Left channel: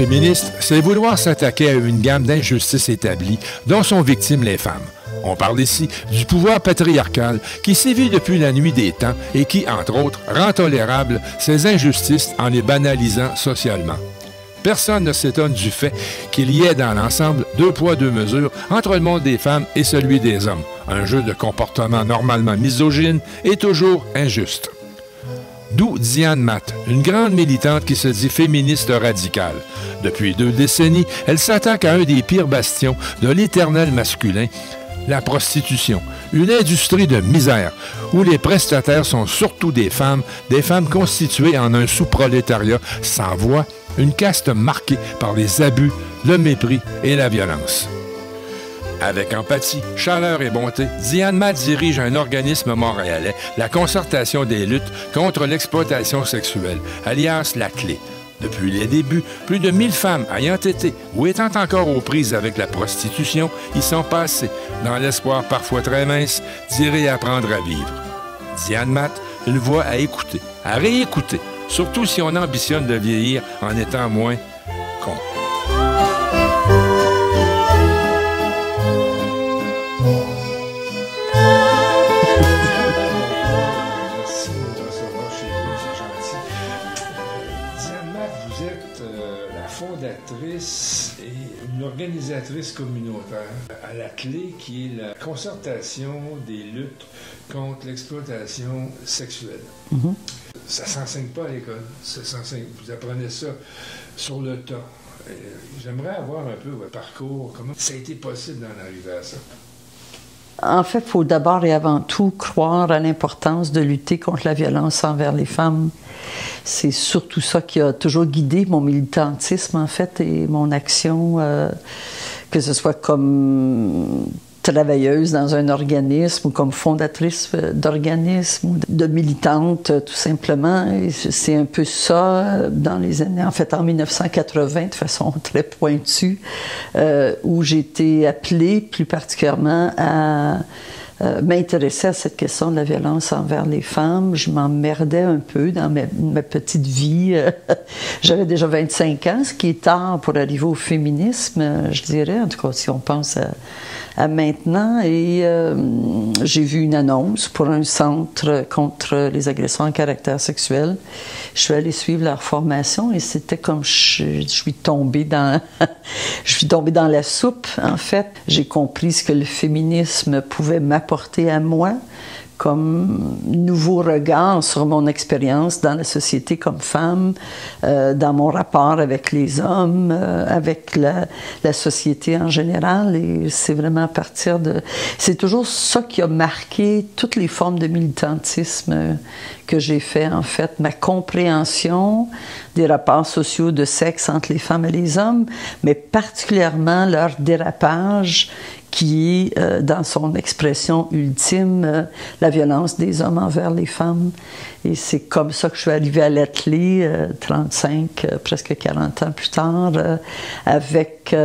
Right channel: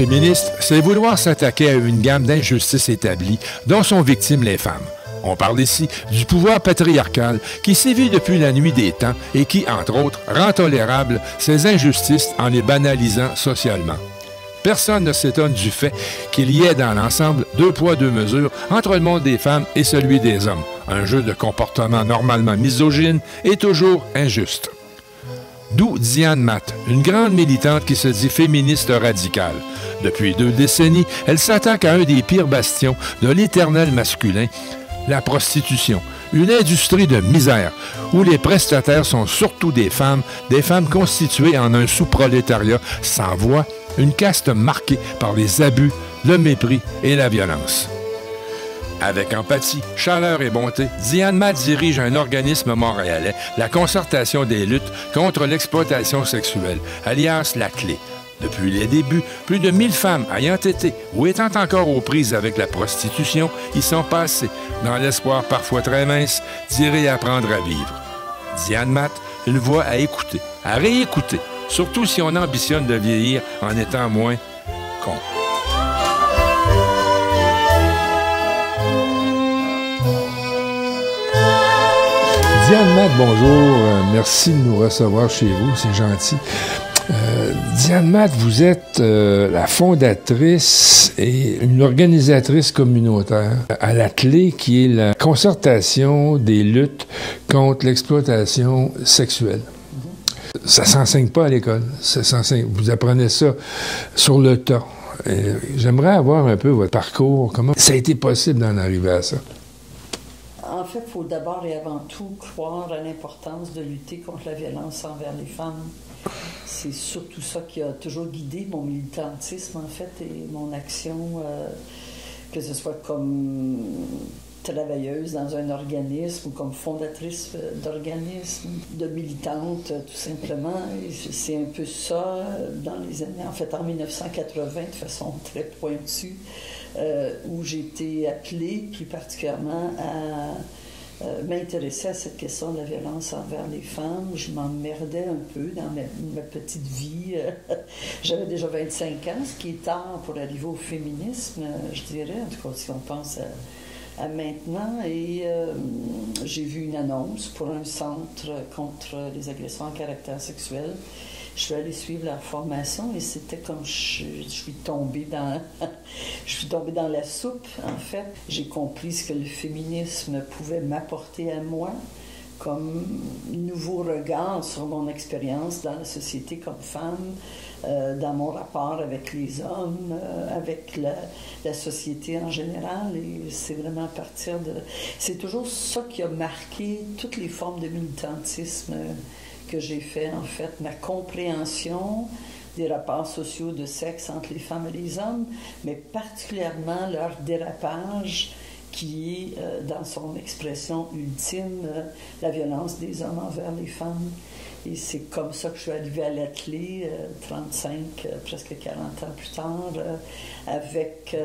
féministe, c'est vouloir s'attaquer à une gamme d'injustices établies dont sont victimes les femmes. On parle ici du pouvoir patriarcal qui sévit depuis la nuit des temps et qui, entre autres, rend tolérables ces injustices en les banalisant socialement. Personne ne s'étonne du fait qu'il y ait dans l'ensemble deux poids, deux mesures entre le monde des femmes et celui des hommes, un jeu de comportement normalement misogyne et toujours injuste. D'où Diane Matt, une grande militante qui se dit féministe radicale. Depuis 2 décennies, elle s'attaque à un des pires bastions de l'éternel masculin, la prostitution, une industrie de misère où les prestataires sont surtout des femmes constituées en un sous-prolétariat sans voix, une caste marquée par les abus, le mépris et la violence. Avec empathie, chaleur et bonté, Diane Matt dirige un organisme montréalais, la Concertation des luttes contre l'exploitation sexuelle, alias La Clé. Depuis les débuts, plus de 1000 femmes ayant été ou étant encore aux prises avec la prostitution y sont passées, dans l'espoir parfois très mince d'y réapprendre à vivre. Diane Matt, une voix à écouter, à réécouter, surtout si on ambitionne de vieillir en étant moins con. Bonjour, merci de nous recevoir chez vous, c'est gentil. Diane Matt, vous êtes la fondatrice et une organisatrice communautaire à La Clé, qui est la concertation des luttes contre l'exploitation sexuelle. Ça ne s'enseigne pas à l'école, vous apprenez ça sur le tas. J'aimerais avoir un peu votre parcours, comment ça a été possible d'en arriver à ça? En fait, il faut d'abord et avant tout croire à l'importance de lutter contre la violence envers les femmes. C'est surtout ça qui a toujours guidé mon militantisme, en fait, et mon action, que ce soit comme travailleuse dans un organisme ou comme fondatrice d'organisme ou de militante, tout simplement. C'est un peu ça dans les années, en fait, en 1980, de façon très pointue, où j'ai été appelée plus particulièrement à m'intéresser à cette question de la violence envers les femmes. Je m'emmerdais un peu dans ma petite vie. J'avais déjà 25 ans, ce qui est tard pour arriver au féminisme, je dirais, en tout cas si on pense à maintenant. Et j'ai vu une annonce pour un centre contre les agressions à caractère sexuel. Je suis allée suivre leur formation et c'était comme je suis tombée dans la soupe, en fait. J'ai compris ce que le féminisme pouvait m'apporter à moi comme nouveau regard sur mon expérience dans la société comme femme, dans mon rapport avec les hommes, avec la société en général. Et c'est vraiment à partir de... C'est toujours ça qui a marqué toutes les formes de militantisme que j'ai fait, en fait, ma compréhension des rapports sociaux de sexe entre les femmes et les hommes, mais particulièrement leur dérapage qui est, dans son expression ultime, la violence des hommes envers les femmes. Et c'est comme ça que je suis arrivée à La Clé, 35, presque 40 ans plus tard, avec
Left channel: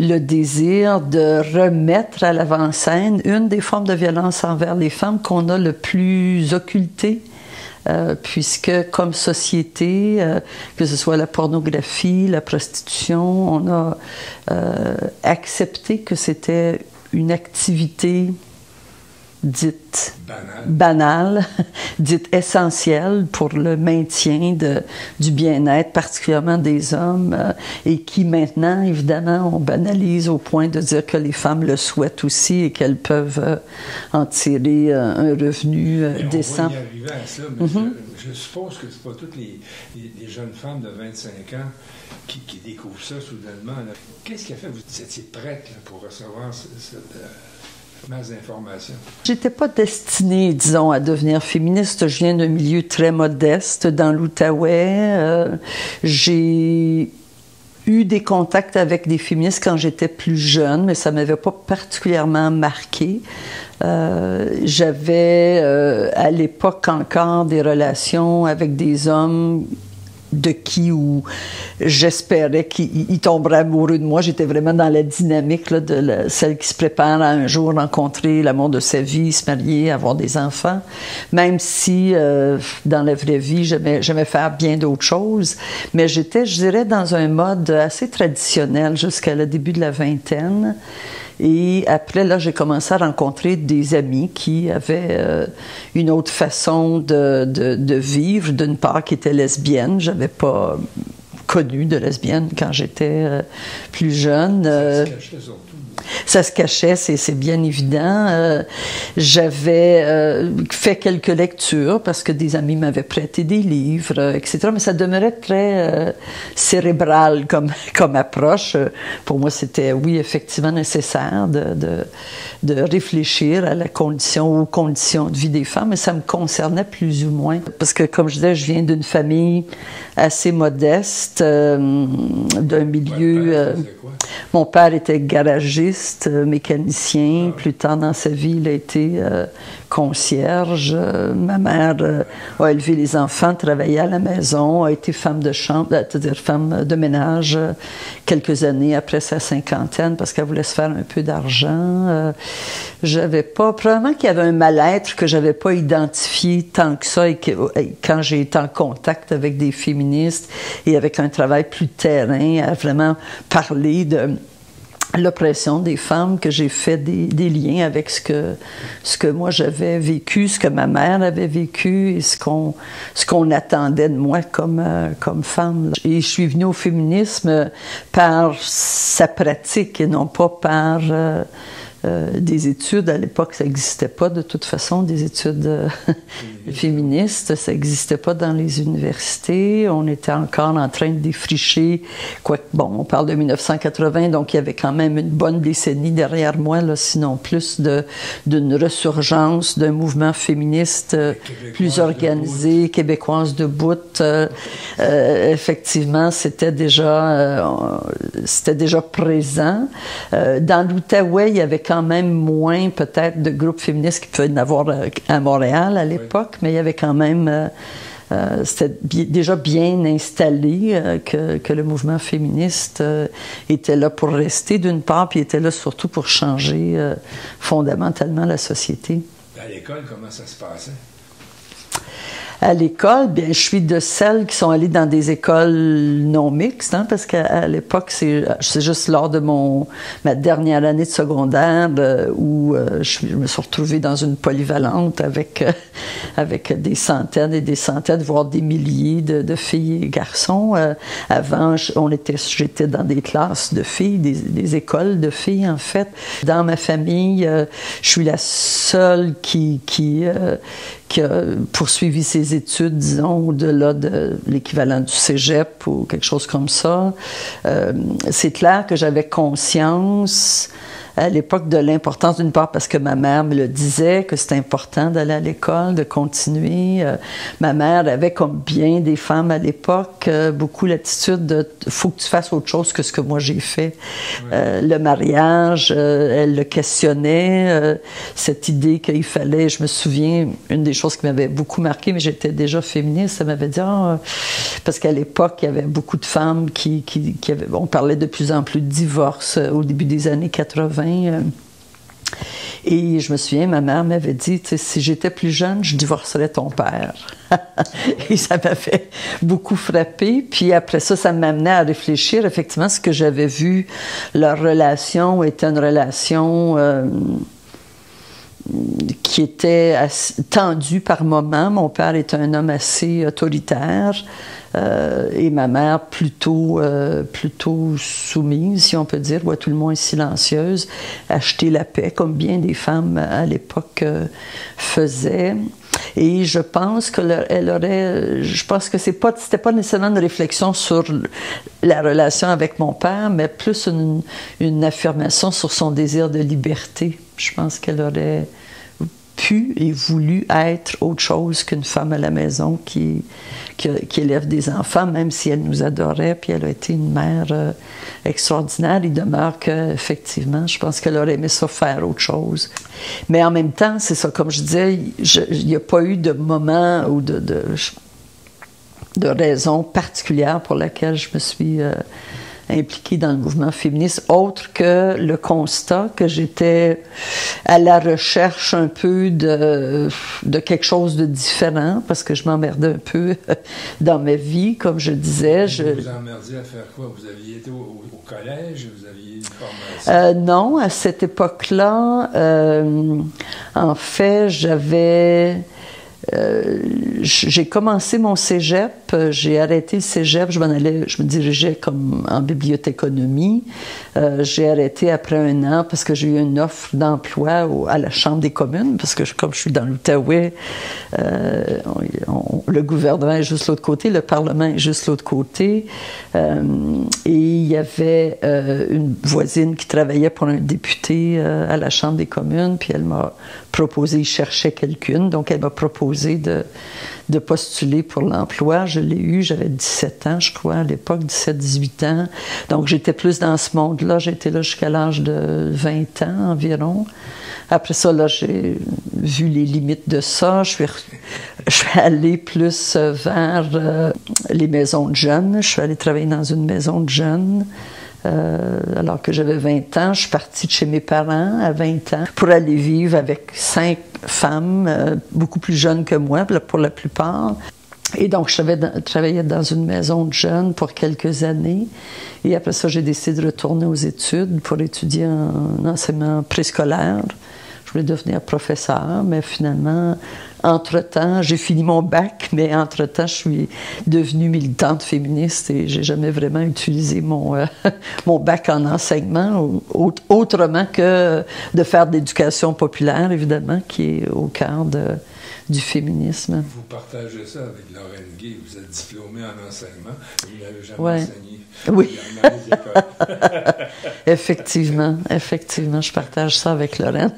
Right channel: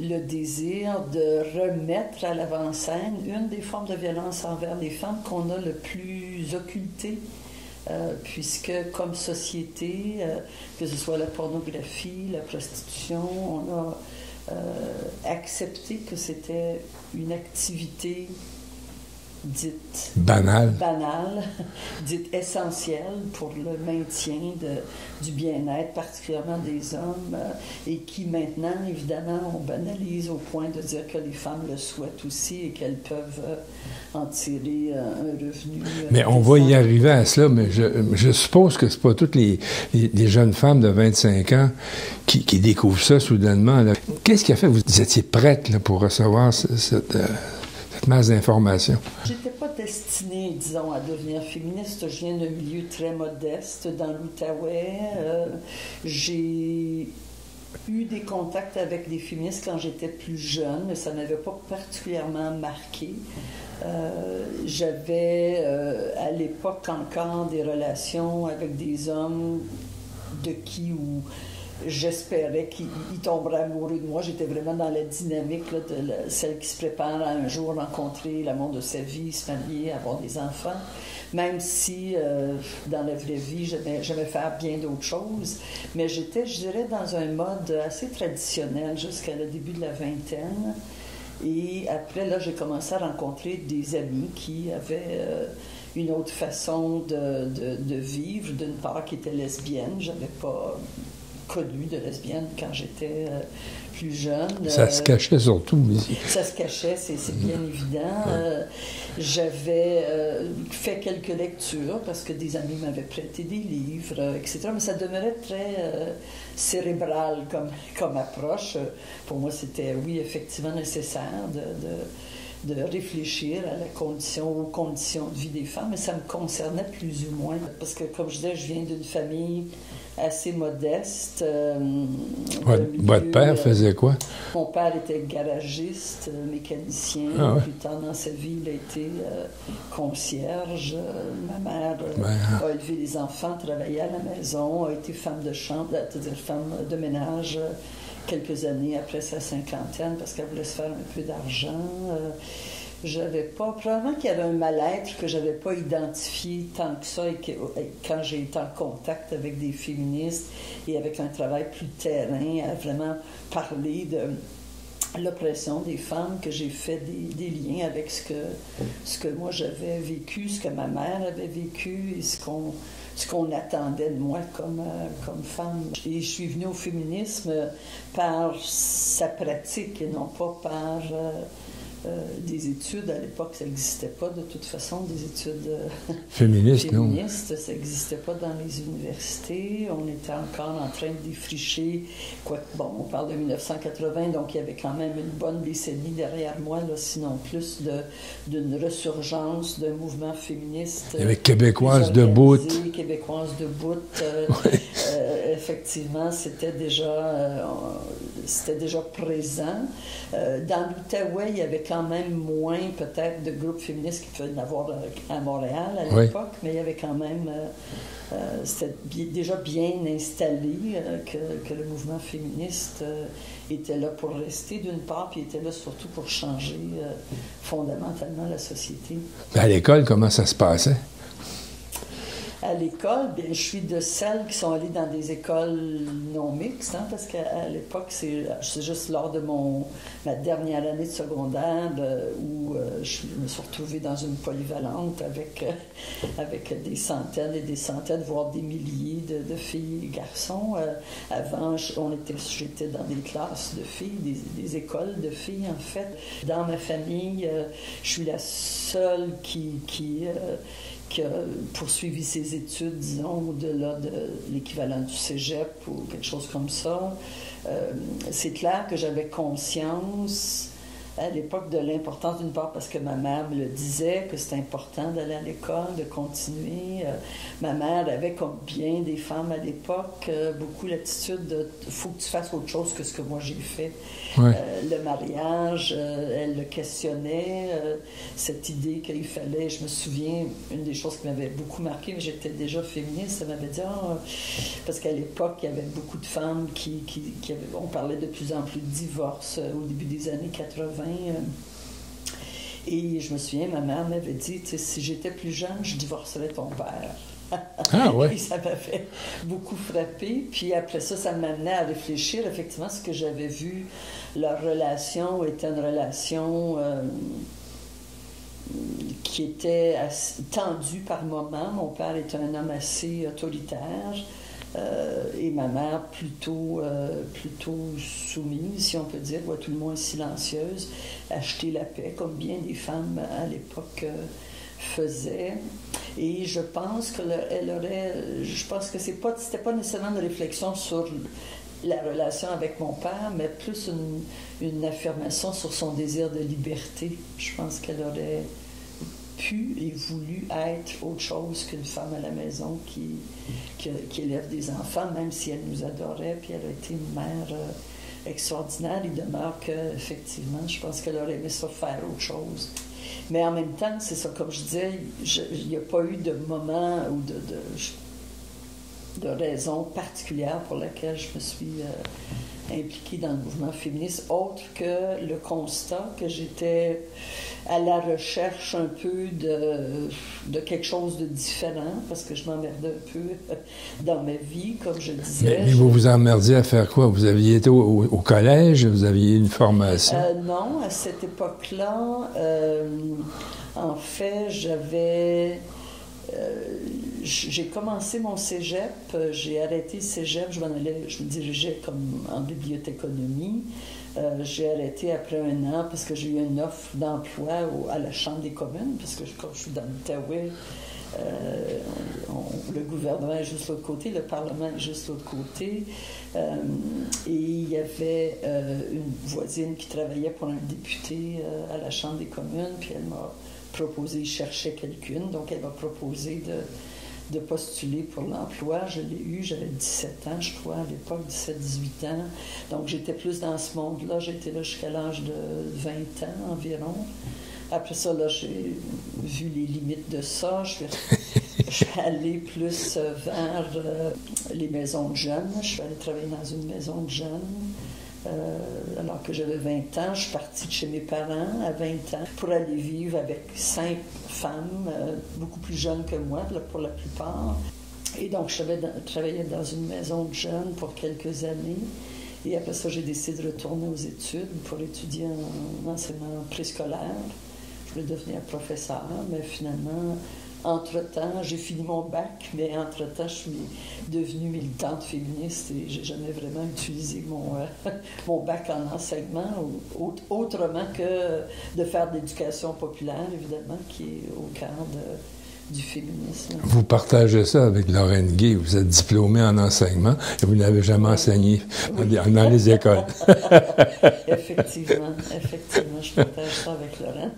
le désir de remettre à l'avant-scène une des formes de violence envers les femmes qu'on a le plus occultée, puisque comme société, que ce soit la pornographie, la prostitution, on a accepté que c'était une activité dite banale, dite essentielle pour le maintien du bien-être, particulièrement des hommes, et qui maintenant, évidemment, on banalise au point de dire que les femmes le souhaitent aussi et qu'elles peuvent en tirer un revenu mais on décent. va y arriver à cela, mais je suppose que c'est pas toutes les jeunes femmes de 25 ans qui découvrent ça soudainement. Qu'est-ce qui a fait que vous étiez prête là, pour recevoir cette masse d'informations? J'étais pas destinée, disons, à devenir féministe. Je viens d'un milieu très modeste, dans l'Outaouais. J'ai eu des contacts avec des féministes quand j'étais plus jeune, mais ça m'avait pas particulièrement marquée. J'avais à l'époque encore des relations avec des hommes de qui ou j'espérais qu'il tomberait amoureux de moi. J'étais vraiment dans la dynamique là, celle qui se prépare à un jour rencontrer l'amour de sa vie, se marier, avoir des enfants. Même si dans la vraie vie, j'aimais faire bien d'autres choses. Mais j'étais, je dirais, dans un mode assez traditionnel jusqu'à le début de la vingtaine. Et après, là, j'ai commencé à rencontrer des amis qui avaient une autre façon de vivre. D'une part, qui étaient lesbiennes. Je n'avais pas connu de lesbienne quand j'étais plus jeune. Ça se cachait surtout. Ça se cachait, c'est bien évident. J'avais fait quelques lectures parce que des amis m'avaient prêté des livres, etc. Mais ça demeurait très cérébral comme approche. Pour moi, c'était, oui, effectivement nécessaire de réfléchir à aux conditions de vie des femmes, mais ça me concernait plus ou moins. Parce que, comme je disais, je viens d'une famille assez modeste, d'un milieu... Votre père faisait quoi? Mon père était garagiste, mécanicien. Plus tard dans sa vie, il a été concierge. Ma mère a élevé les enfants, travaillait à la maison, a été femme de chambre, c'est-à-dire femme de ménage quelques années après sa cinquantaine parce qu'elle voulait se faire un peu d'argent. J'avais pas... Probablement qu'il y avait un mal-être que j'avais pas identifié tant que ça et quand j'ai été en contact avec des féministes et avec un travail plus terrain à vraiment parler de l'oppression des femmes, que j'ai fait des liens avec ce que moi j'avais vécu, ce que ma mère avait vécu et ce qu'on attendait de moi comme femme. Et je suis venue au féminisme par sa pratique et non pas par des études. À l'époque, ça n'existait pas de toute façon, des études féministes. Ça n'existait pas dans les universités. On était encore en train de défricher. Bon, on parle de 1980, donc il y avait quand même une bonne décennie derrière moi, là, sinon plus, d'une ressurgence d'un mouvement féministe plus organisé, québécoise debout. Effectivement, c'était déjà présent. Dans l'Outaouais, il y avait quand même moins peut-être de groupes féministes qu'il pouvait y en avoir à Montréal à l'époque, mais il y avait quand même... c'était déjà bien installé que le mouvement féministe était là pour rester d'une part, puis était là surtout pour changer fondamentalement la société. À l'école, comment ça se passait? À l'école, bien, je suis de celles qui sont allées dans des écoles non mixtes, hein, parce qu'à l'époque, c'est juste lors de ma dernière année de secondaire où je me suis retrouvée dans une polyvalente avec des centaines et des centaines, voire des milliers de filles et garçons. Avant, j'étais dans des classes de filles, des écoles de filles, en fait. Dans ma famille, je suis la seule qui a poursuivi ses études, disons, au-delà de l'équivalent du cégep ou quelque chose comme ça. C'est clair que j'avais conscience à l'époque de l'importance, d'une part parce que ma mère me le disait, que c'était important d'aller à l'école, de continuer. Ma mère avait, comme bien des femmes à l'époque, beaucoup l'attitude de « faut que tu fasses autre chose que ce que moi j'ai fait ». Le mariage, elle le questionnait, cette idée qu'il fallait... Je me souviens, une des choses qui m'avait beaucoup marquée, mais j'étais déjà féministe, elle m'avait dit parce qu'à l'époque, il y avait beaucoup de femmes qui avaient... On parlait de plus en plus de divorce au début des années 80. Et je me souviens, ma mère m'avait dit, si j'étais plus jeune, je divorcerais ton père. Et ça m'avait beaucoup frappée. Puis après ça, ça m'amenait à réfléchir. Effectivement, ce que j'avais vu, leur relation était une relation qui était tendue par moments. Mon père était un homme assez autoritaire. Et ma mère plutôt soumise, si on peut dire, ou à tout le moins silencieuse, acheter la paix, comme bien des femmes à l'époque faisaient. Et je pense que c'était pas nécessairement une réflexion sur la relation avec mon père, mais plus une affirmation sur son désir de liberté. Je pense qu'elle aurait pu et voulu être autre chose qu'une femme à la maison qui élève des enfants, même si elle nous adorait, puis elle a été une mère extraordinaire. Il demeure qu'effectivement, je pense qu'elle aurait aimé ça faire autre chose. Mais en même temps, c'est ça, comme je disais, il n'y a pas eu de moment où de raison particulière pour laquelle je me suis impliquée dans le mouvement féministe, autre que le constat que j'étais à la recherche un peu de quelque chose de différent, parce que je m'emmerdais un peu dans ma vie, comme je disais. Vous vous emmerdiez à faire quoi? Vous aviez été au collège? Vous aviez une formation? Non, à cette époque-là, en fait, j'ai commencé mon cégep, j'ai arrêté le cégep, je me dirigeais comme en bibliothéconomie. J'ai arrêté après un an parce que j'ai eu une offre d'emploi à la Chambre des communes, parce que comme je suis dans l'Outaouais, le gouvernement est juste l'autre côté, le Parlement est juste l'autre côté. Et il y avait une voisine qui travaillait pour un député à la Chambre des communes, puis elle m'a proposé, il cherchait quelqu'une, donc elle m'a proposé de postuler pour l'emploi. Je l'ai eu, j'avais 17 ans, je crois, à l'époque, 17-18 ans. Donc j'étais plus dans ce monde-là, j'étais là jusqu'à l'âge de 20 ans environ. Après ça, là, j'ai vu les limites de ça. Je suis allée plus vers les maisons de jeunes. Je suis allée travailler dans une maison de jeunes. Alors que j'avais 20 ans, je suis partie de chez mes parents à 20 ans pour aller vivre avec 5 femmes, beaucoup plus jeunes que moi, pour la plupart. Et donc, je travaillais dans une maison de jeunes pour quelques années. Et après ça, j'ai décidé de retourner aux études pour étudier en enseignement préscolaire. Je voulais devenir professeur, mais finalement, entre-temps, j'ai fini mon bac, mais entre-temps, je suis devenue militante féministe et j'ai jamais vraiment utilisé mon bac en enseignement, autrement que de faire de l'éducation populaire, évidemment, qui est au cœur du féminisme. Vous partagez ça avec Lorraine Gay. Vous êtes diplômée en enseignement et vous n'avez jamais enseigné dans les écoles. Effectivement, je partage ça avec Lorraine.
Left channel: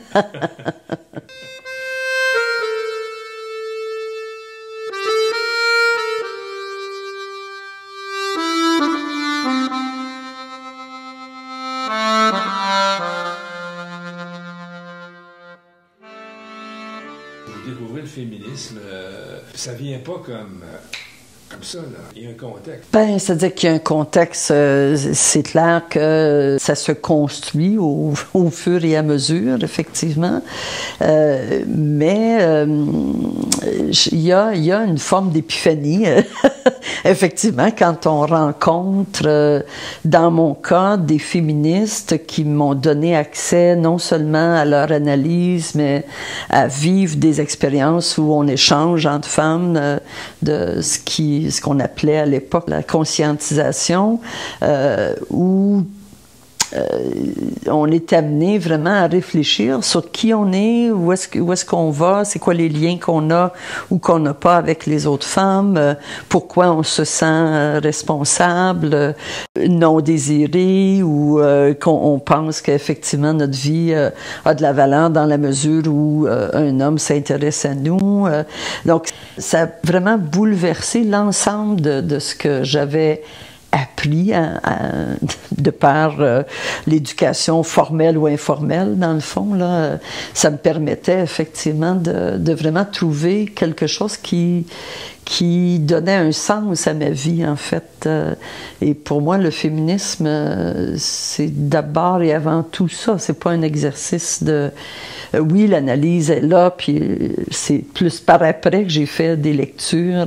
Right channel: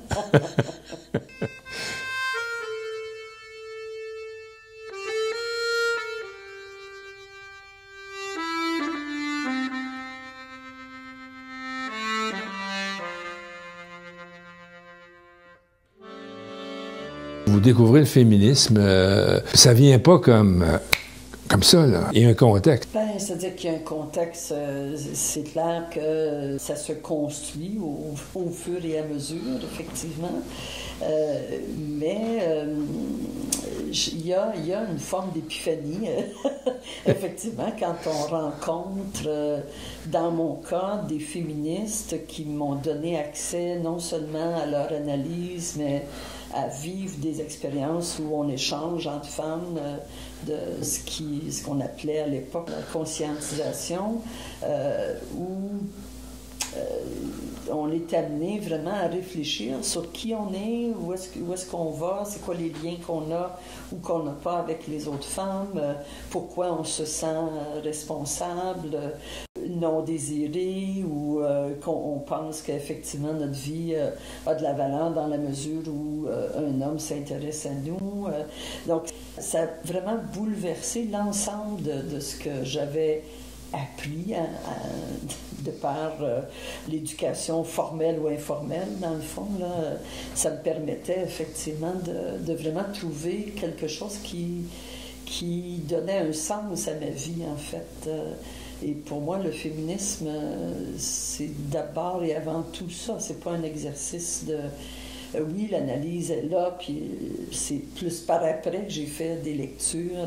Vous découvrez le féminisme, ça vient pas comme ça, là. Il y a un contexte. Bien, c'est-à-dire qu'il y a un contexte, c'est clair que ça se construit au fur et à mesure, effectivement. Mais il y a une forme d'épiphanie, effectivement, quand on rencontre, dans mon cas, des féministes qui m'ont donné accès non seulement à leur analyse, mais à vivre des expériences où on échange entre femmes de ce qu'on appelait à l'époque la conscientisation, où on est amené vraiment à réfléchir sur qui on est, où est-ce qu'on va, c'est quoi les liens qu'on a ou qu'on n'a pas avec les autres femmes, pourquoi on se sent responsable, non désiré, ou qu'on pense qu'effectivement notre vie a de la valeur dans la mesure où un homme s'intéresse à nous. Donc ça a vraiment bouleversé l'ensemble de ce que j'avais appris de par l'éducation formelle ou informelle, dans le fond. Là, ça me permettait effectivement de vraiment trouver quelque chose qui donnait un sens à ma vie, en fait. Et pour moi, le féminisme, c'est d'abord et avant tout ça. C'est pas un exercice de... Oui, l'analyse est là, puis c'est plus par après que j'ai fait des lectures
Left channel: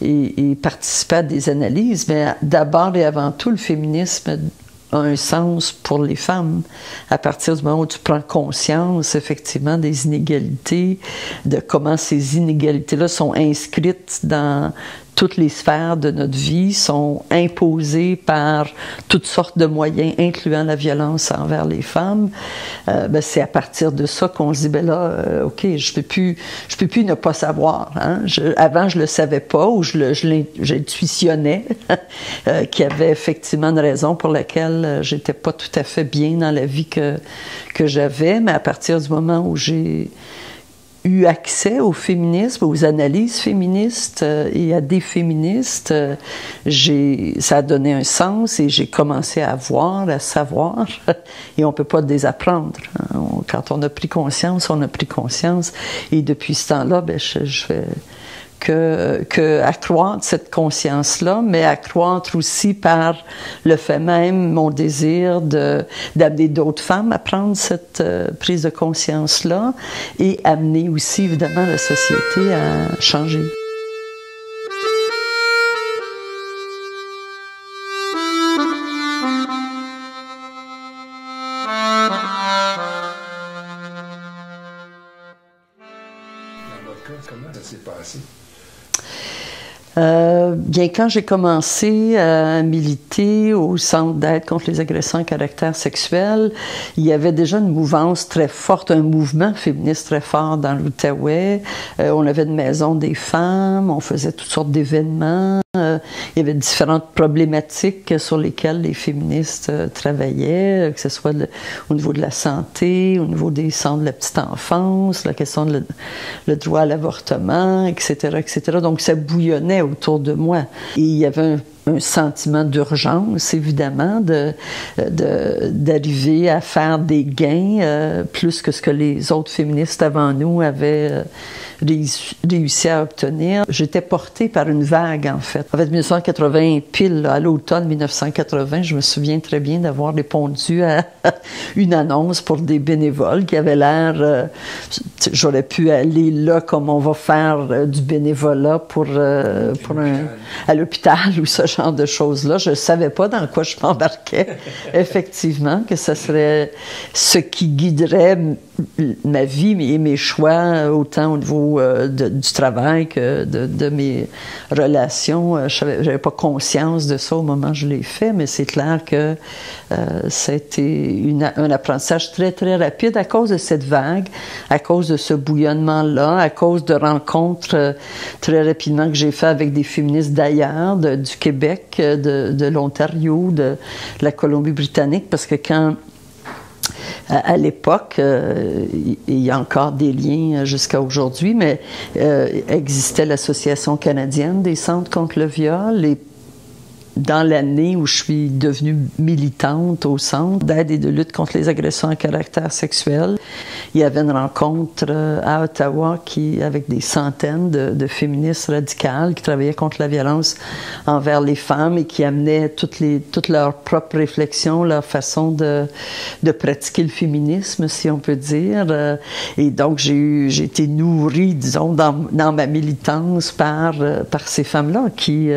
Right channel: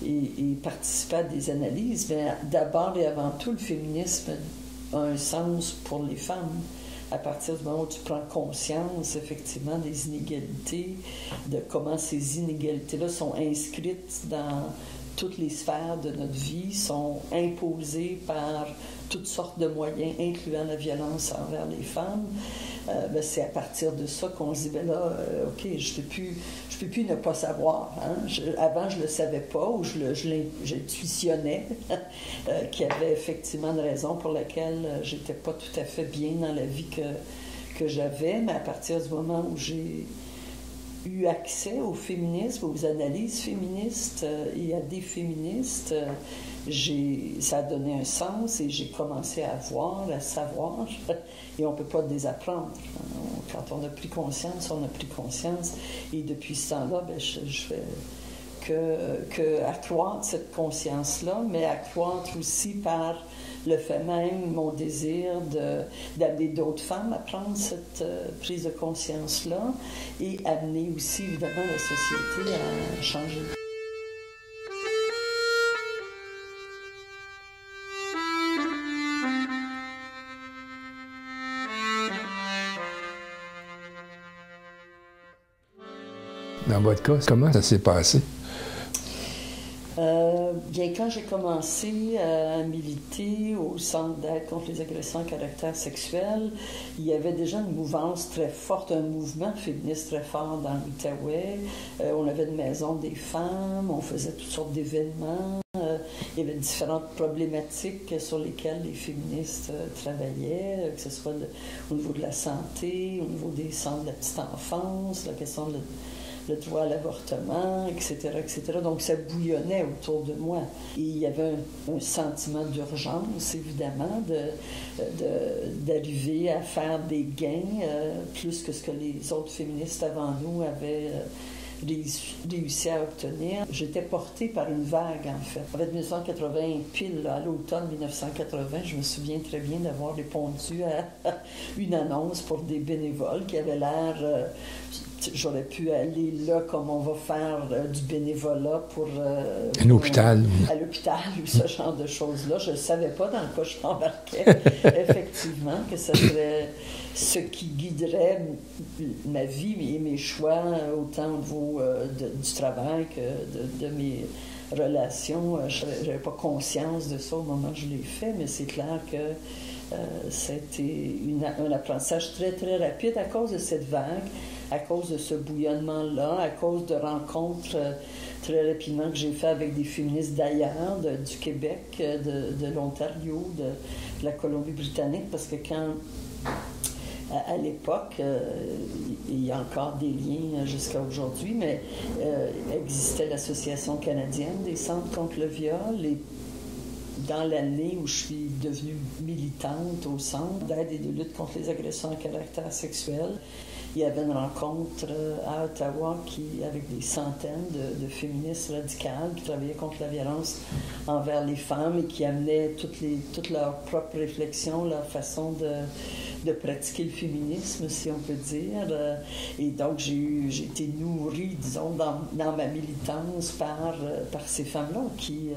et participé à des analyses, mais d'abord et avant tout, le féminisme a un sens pour les femmes. À partir du moment où tu prends conscience, effectivement, des inégalités, de comment ces inégalités-là sont inscrites dans toutes les sphères de notre vie, sont imposées par toutes sortes de moyens, incluant la violence envers les femmes, c'est à partir de ça qu'on se dit, OK, je peux plus ne pas savoir. Hein? Avant, je le savais pas, ou j'intuitionnais qu'il y avait effectivement une raison pour laquelle j'étais pas tout à fait bien dans la vie que j'avais, mais à partir du moment où j'ai eu accès au féminisme, aux analyses féministes et à des féministes, ça a donné un sens et j'ai commencé à voir, à savoir, et on ne peut pas désapprendre. Hein. Quand on a pris conscience, on a pris conscience. Et depuis ce temps-là, je fais accroître cette conscience-là, mais accroître aussi par le fait même mon désir d'amener d'autres femmes à prendre cette prise de conscience-là et amener aussi, évidemment, la société à changer. Dans votre cas, comment ça s'est passé? Bien, quand j'ai commencé à militer au Centre d'aide contre les agressions à caractère sexuel, il y avait déjà une mouvance très forte, un mouvement féministe très fort dans l'Outaouais. On avait une maison des femmes, on faisait toutes sortes d'événements. Il y avait différentes problématiques sur lesquelles les féministes travaillaient, que ce soit au niveau de la santé, au niveau des centres de la petite enfance, la question de le droit à l'avortement, etc., etc. Donc, ça bouillonnait autour de moi. Et il y avait un sentiment d'urgence, évidemment, d'arriver à faire des gains plus que ce que les autres féministes avant nous avaient réussi à obtenir. J'étais portée par une vague, en fait. En fait, 1980, pile, là, à l'automne 1980, je me souviens très bien d'avoir répondu à une annonce pour des bénévoles qui avaient l'air... j'aurais pu aller là comme on va faire du bénévolat à l'hôpital ou ce genre de choses-là. Je ne savais pas dans quoi je m'embarquais, effectivement, que ce serait ce qui guiderait ma vie et mes choix, autant au niveau du travail que de mes relations. Je n'avais pas conscience de ça au moment où je l'ai fait, mais c'est clair que ça a été un apprentissage très, très rapide à cause de cette vague, à cause de ce bouillonnement-là, à cause de rencontres très rapidement que j'ai fait avec des féministes d'ailleurs, du Québec, de l'Ontario, de la Colombie-Britannique, parce que quand... À l'époque, il y a encore des liens jusqu'à aujourd'hui, mais existait l'Association canadienne des centres contre le viol. Et dans l'année où je suis devenue militante au Centre d'aide et de lutte contre les agressions à caractère sexuel, il y avait une rencontre à Ottawa avec des centaines de féministes radicales qui travaillaient contre la violence envers les femmes et qui amenaient toutes leurs propres réflexions, leur façon de pratiquer le féminisme, si on peut dire. Et donc, j'ai été nourrie, disons, dans ma militance par ces femmes-là qui...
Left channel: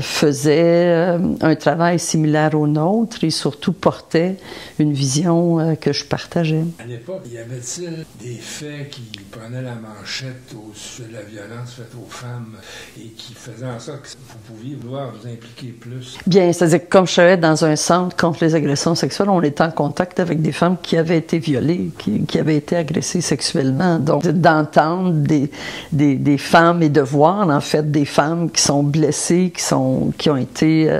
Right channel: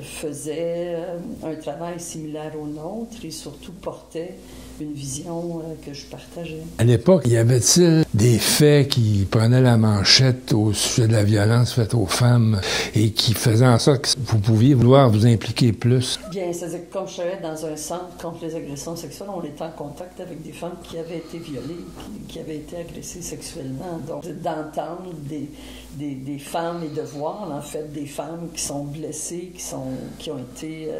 faisait un travail similaire au nôtre et surtout portait une vision que je partageais. À l'époque, y avait-il des faits qui prenaient la manchette au sujet de la violence faite aux femmes et qui faisaient en sorte que vous pouviez vouloir vous impliquer plus? Bien, c'est-à-dire que comme je travaillais dans un centre contre les agressions sexuelles, on était en contact avec des femmes qui avaient été violées, qui avaient été agressées sexuellement. Donc, d'entendre des femmes et de voir, en fait, des femmes qui sont blessées, qui ont été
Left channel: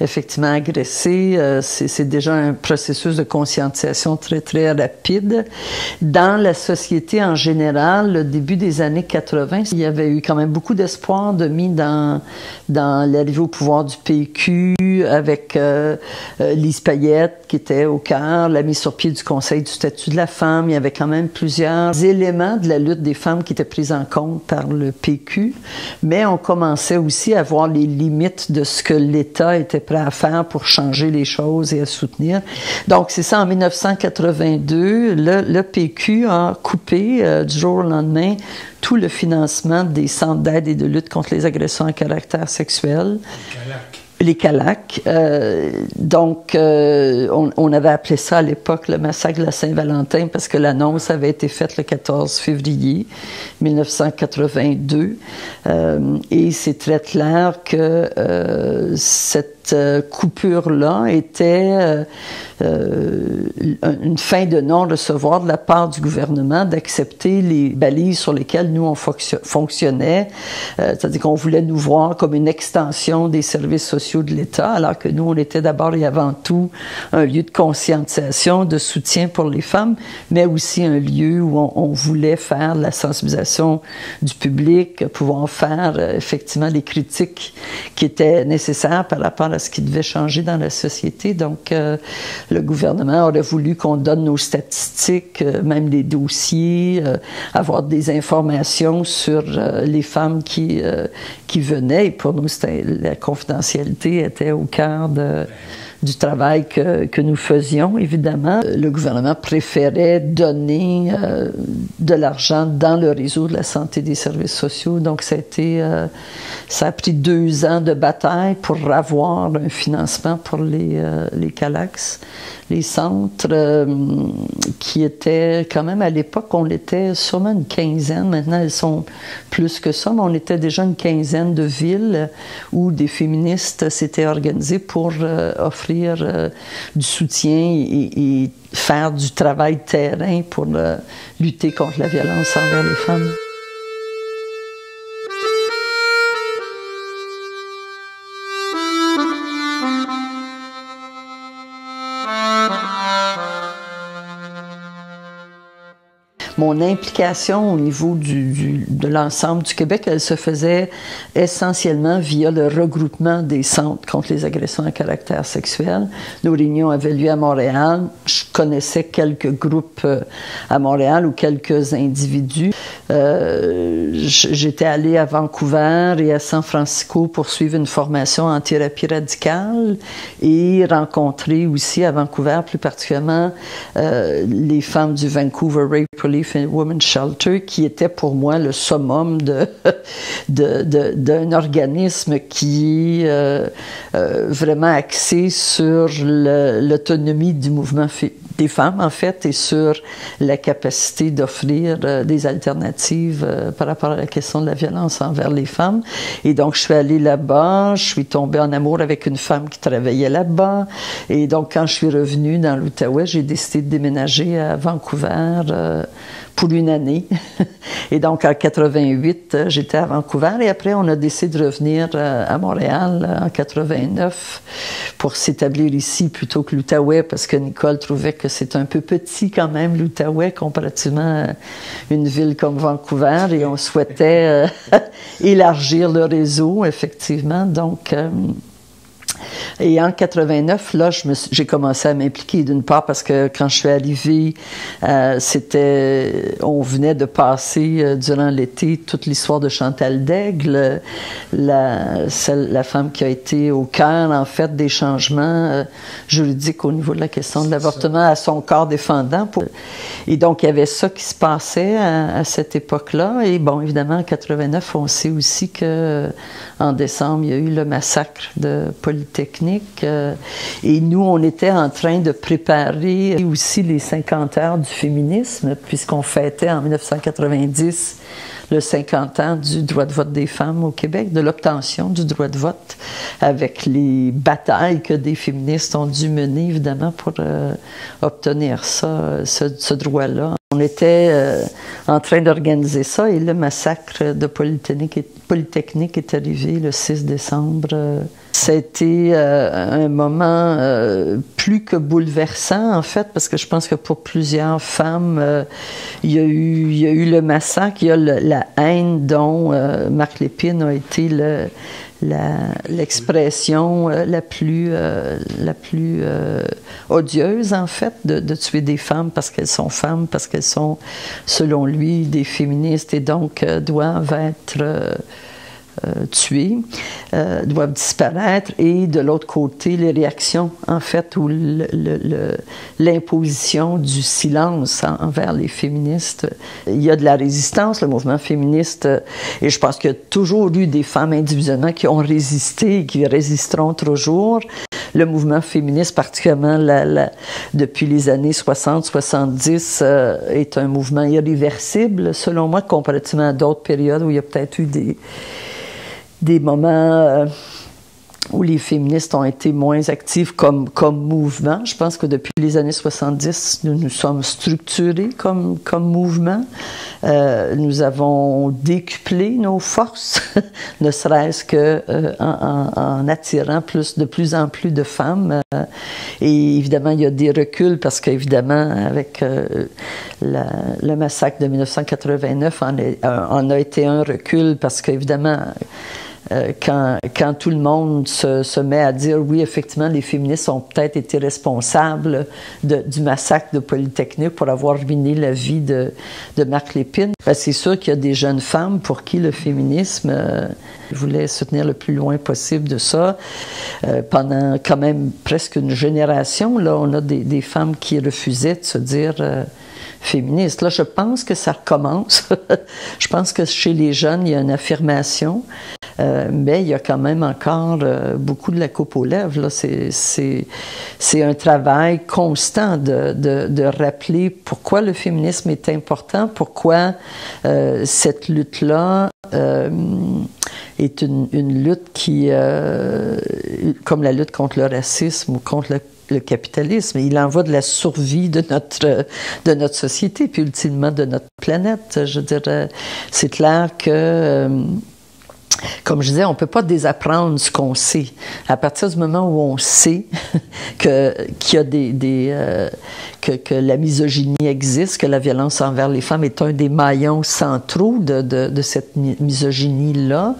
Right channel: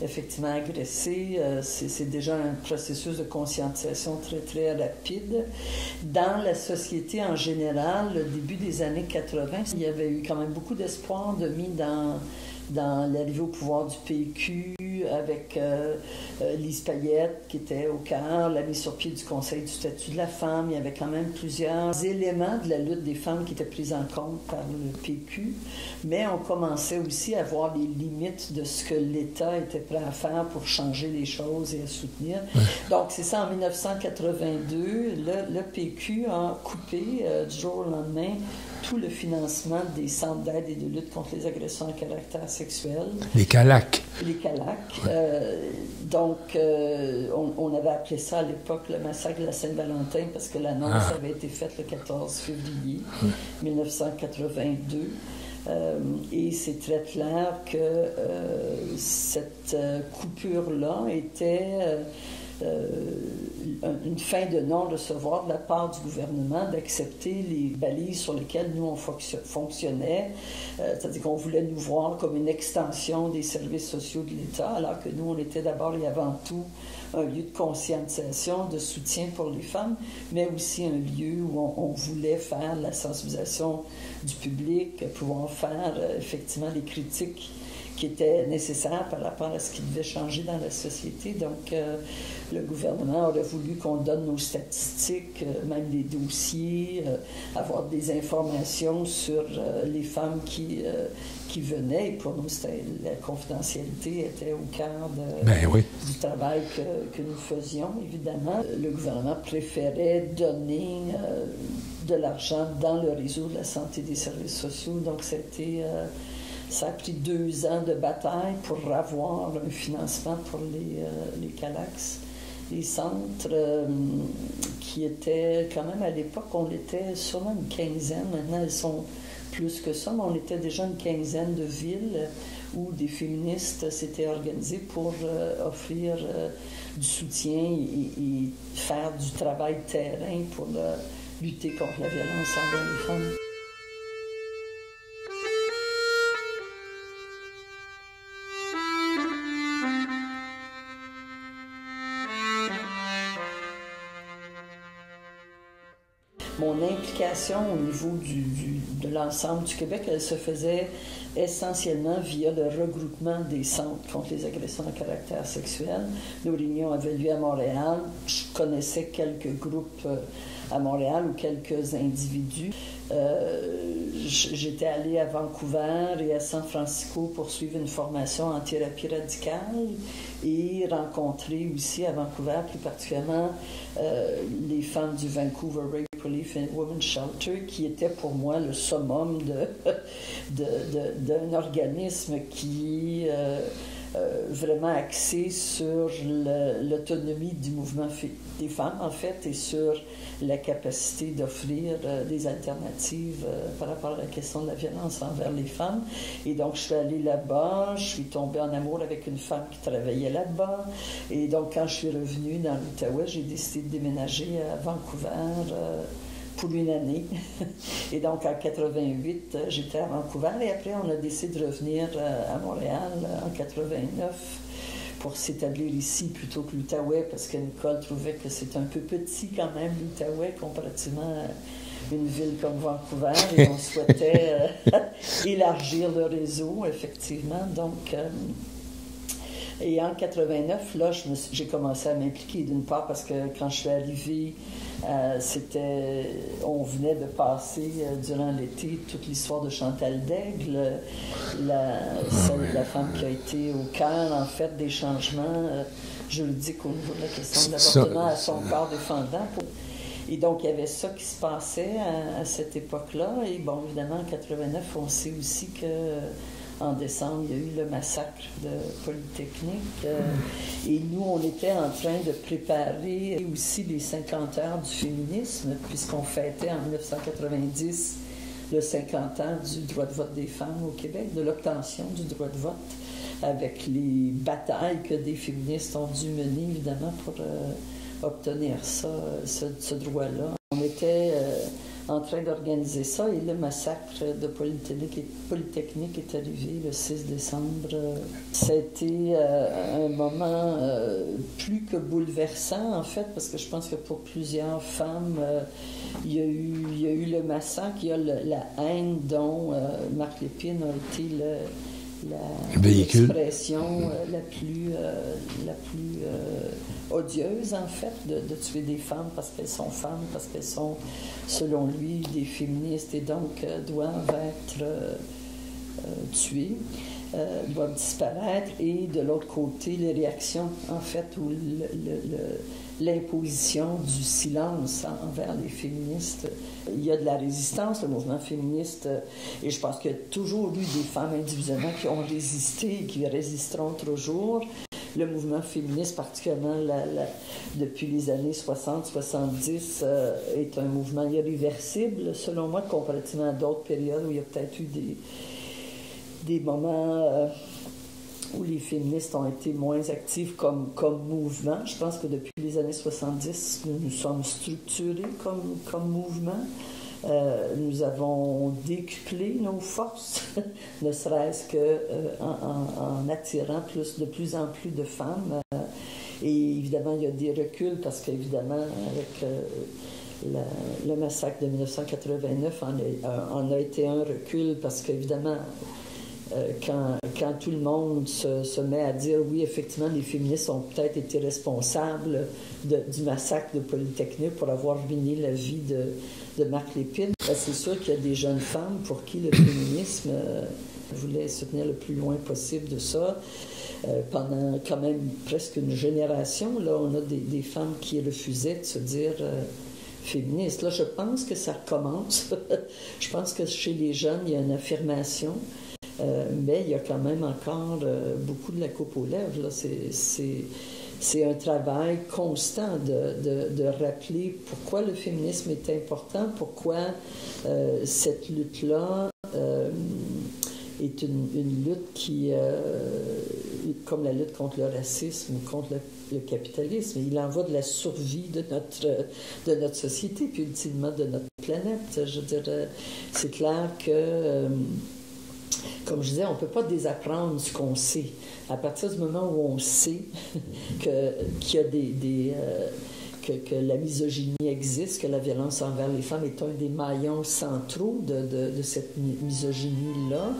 effectivement agressées, c'est déjà un processus de conscientisation très, très rapide. Dans la société en général, le début des années 80, il y avait eu quand même beaucoup d'espoir de mis dans l'arrivée au pouvoir du PQ avec Lise Payette qui était au cœur, la mise sur pied du Conseil du statut de la femme. Il y avait quand même plusieurs éléments de la lutte des femmes qui étaient pris en compte par le PQ, mais on commençait aussi à voir les limites de ce que l'État était prêt à faire pour changer les choses et à soutenir. Donc, c'est ça, en 1982, le PQ a coupé du jour au lendemain tout le financement des centres d'aide et de lutte contre les agressions à caractère sexuel. Les CALAC. Les CALAC. Donc, on avait appelé ça à l'époque le massacre de la Saint-Valentin parce que l'annonce avait été faite le 14 février 1982. Et c'est très clair que cette coupure-là était une fin de non-recevoir de la part du gouvernement d'accepter les balises sur lesquelles nous, on fonctionnait. C'est-à-dire qu'on voulait nous voir comme une extension des services sociaux sociaux de l'État, alors que nous, on était d'abord et avant tout un lieu de conscientisation, de soutien pour les femmes, mais aussi un lieu où on voulait faire de la sensibilisation du public, pouvoir faire effectivement les critiques qui étaient nécessaires par rapport à ce qui devait changer dans la société. Donc, le gouvernement aurait voulu qu'on donne nos statistiques, même les dossiers, avoir des informations sur les femmes qui venaient. Et pour nous, la confidentialité était au cœur du travail que nous faisions, évidemment. Le gouvernement préférait donner de l'argent dans le réseau de la santé et des services sociaux. Donc, ça a pris 2 ans de bataille pour avoir un financement pour les CALAX. Les centres qui étaient quand même à l'époque, on était sûrement une quinzaine, maintenant elles sont plus que ça, mais on était déjà une quinzaine de villes où des féministes s'étaient organisées pour offrir du soutien et faire du travail terrain pour lutter contre la violence envers les femmes. Mon implication au niveau de l'ensemble du Québec, elle se faisait essentiellement via le regroupement des centres contre les agressions à caractère sexuel. Nos réunions avaient lieu à Montréal. Je connaissais quelques groupes à Montréal ou quelques individus. J'étais allée à Vancouver et à San Francisco pour suivre une formation en thérapie radicale et rencontrer aussi à Vancouver, plus particulièrement, les femmes du Vancouver Rape Relief and Women's Shelter, qui était pour moi le summum d'un organisme qui est vraiment axé sur l'autonomie du mouvement des femmes, en fait, et sur la capacité d'offrir des alternatives par rapport à la question de la violence envers les femmes. Et donc, je suis allée là-bas, je suis tombée en amour avec une femme qui travaillait là-bas. Et donc, quand je suis revenue dans l'Outaouais, j'ai décidé de déménager à Vancouver pour une année. Et donc, en 88, j'étais à Vancouver. Et après, on a décidé de revenir à Montréal en 89 pour s'établir ici plutôt que l'Outaouais, parce que Nicole trouvait que c'est un peu petit quand même, l'Outaouais, comparativement à une ville comme Vancouver. Et on souhaitait élargir le réseau, effectivement. Donc, et en 89, là, j'ai commencé à m'impliquer, d'une part parce que quand je suis arrivée, on venait de passer durant l'été toute l'histoire de Chantal Daigle, la femme qui a été au cœur, en fait, des changements juridiques au niveau de la question de l'avortement à son corps défendant. Et donc, il y avait ça qui se passait à cette époque-là. Et bon, évidemment, en 89, on sait aussi que en décembre, il y a eu le massacre de Polytechnique. Et nous, on était en train de préparer aussi les 50 heures du féminisme, puisqu'on fêtait en 1990 le 50 ans du droit de vote des femmes au Québec, de l'obtention du droit de vote, avec les batailles que des féministes ont dû mener, évidemment, pour obtenir ce droit-là. On était en train d'organiser ça et le massacre de Polytechnique est arrivé le 6 décembre. Ça a été un moment plus que bouleversant, en fait, parce que je pense que pour plusieurs femmes, il y a eu le massacre, il y a la haine dont Marc Lépine a été l'expression la plus odieuse, en fait, de tuer des femmes, parce qu'elles sont, selon lui, des féministes et donc doivent être tuées, doivent disparaître. Et de l'autre côté, les réactions, en fait, ou l'imposition du silence envers les féministes. Il y a de la résistance, le mouvement féministe, et je pense qu'il y a toujours eu des femmes individuellement qui ont résisté et qui résisteront toujours. Le mouvement féministe, particulièrement depuis les années 60-70, est un mouvement irréversible, selon moi, comparativement à d'autres périodes où il y a peut-être eu des moments où les féministes ont été moins actives comme mouvement. Je pense que depuis les années 70, nous nous sommes structurés comme mouvement. Nous avons décuplé nos forces, ne serait-ce qu'en attirant de plus en plus de femmes. Et évidemment, il y a des reculs parce qu'évidemment, avec le massacre de 1989, en a été un recul parce qu'évidemment, quand tout le monde se met à dire oui, effectivement, les féministes ont peut-être été responsables du massacre de Polytechnique pour avoir ruiné la vie de Marc Lépine, ben, c'est sûr qu'il y a des jeunes femmes pour qui le féminisme voulait se tenir le plus loin possible de ça. Pendant quand même presque une génération, là, on a des femmes qui refusaient de se dire féministes. Là, je pense que ça recommence. Je pense que chez les jeunes, il y a une affirmation. Mais il y a quand même encore beaucoup de la coupe aux lèvres. C'est un travail constant de rappeler pourquoi le féminisme est important, pourquoi cette lutte-là est une lutte qui, comme la lutte contre le racisme ou contre le capitalisme, il en va de la survie de notre société, puis ultimement de notre planète. Je veux dire, c'est clair que comme je disais, on ne peut pas désapprendre ce qu'on sait. À partir du moment où on sait qu'il y a que la misogynie existe, que la violence envers les femmes est un des maillons centraux de cette misogynie-là,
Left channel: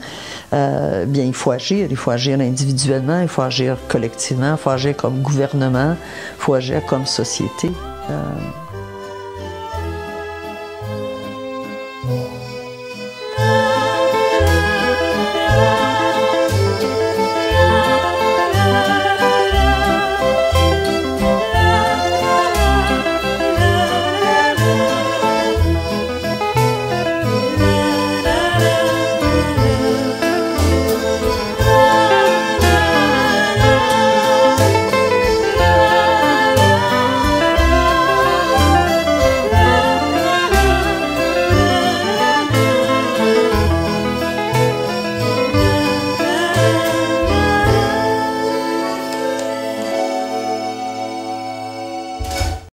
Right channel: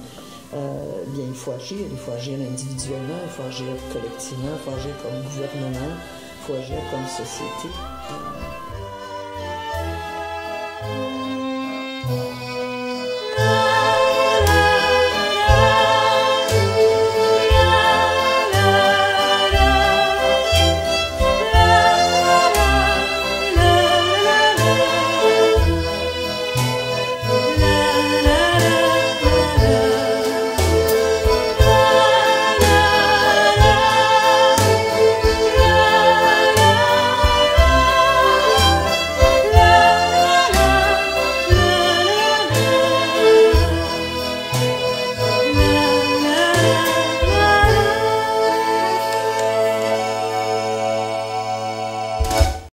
bien, il faut agir. Il faut agir individuellement, il faut agir collectivement, il faut agir comme gouvernement, il faut agir comme société.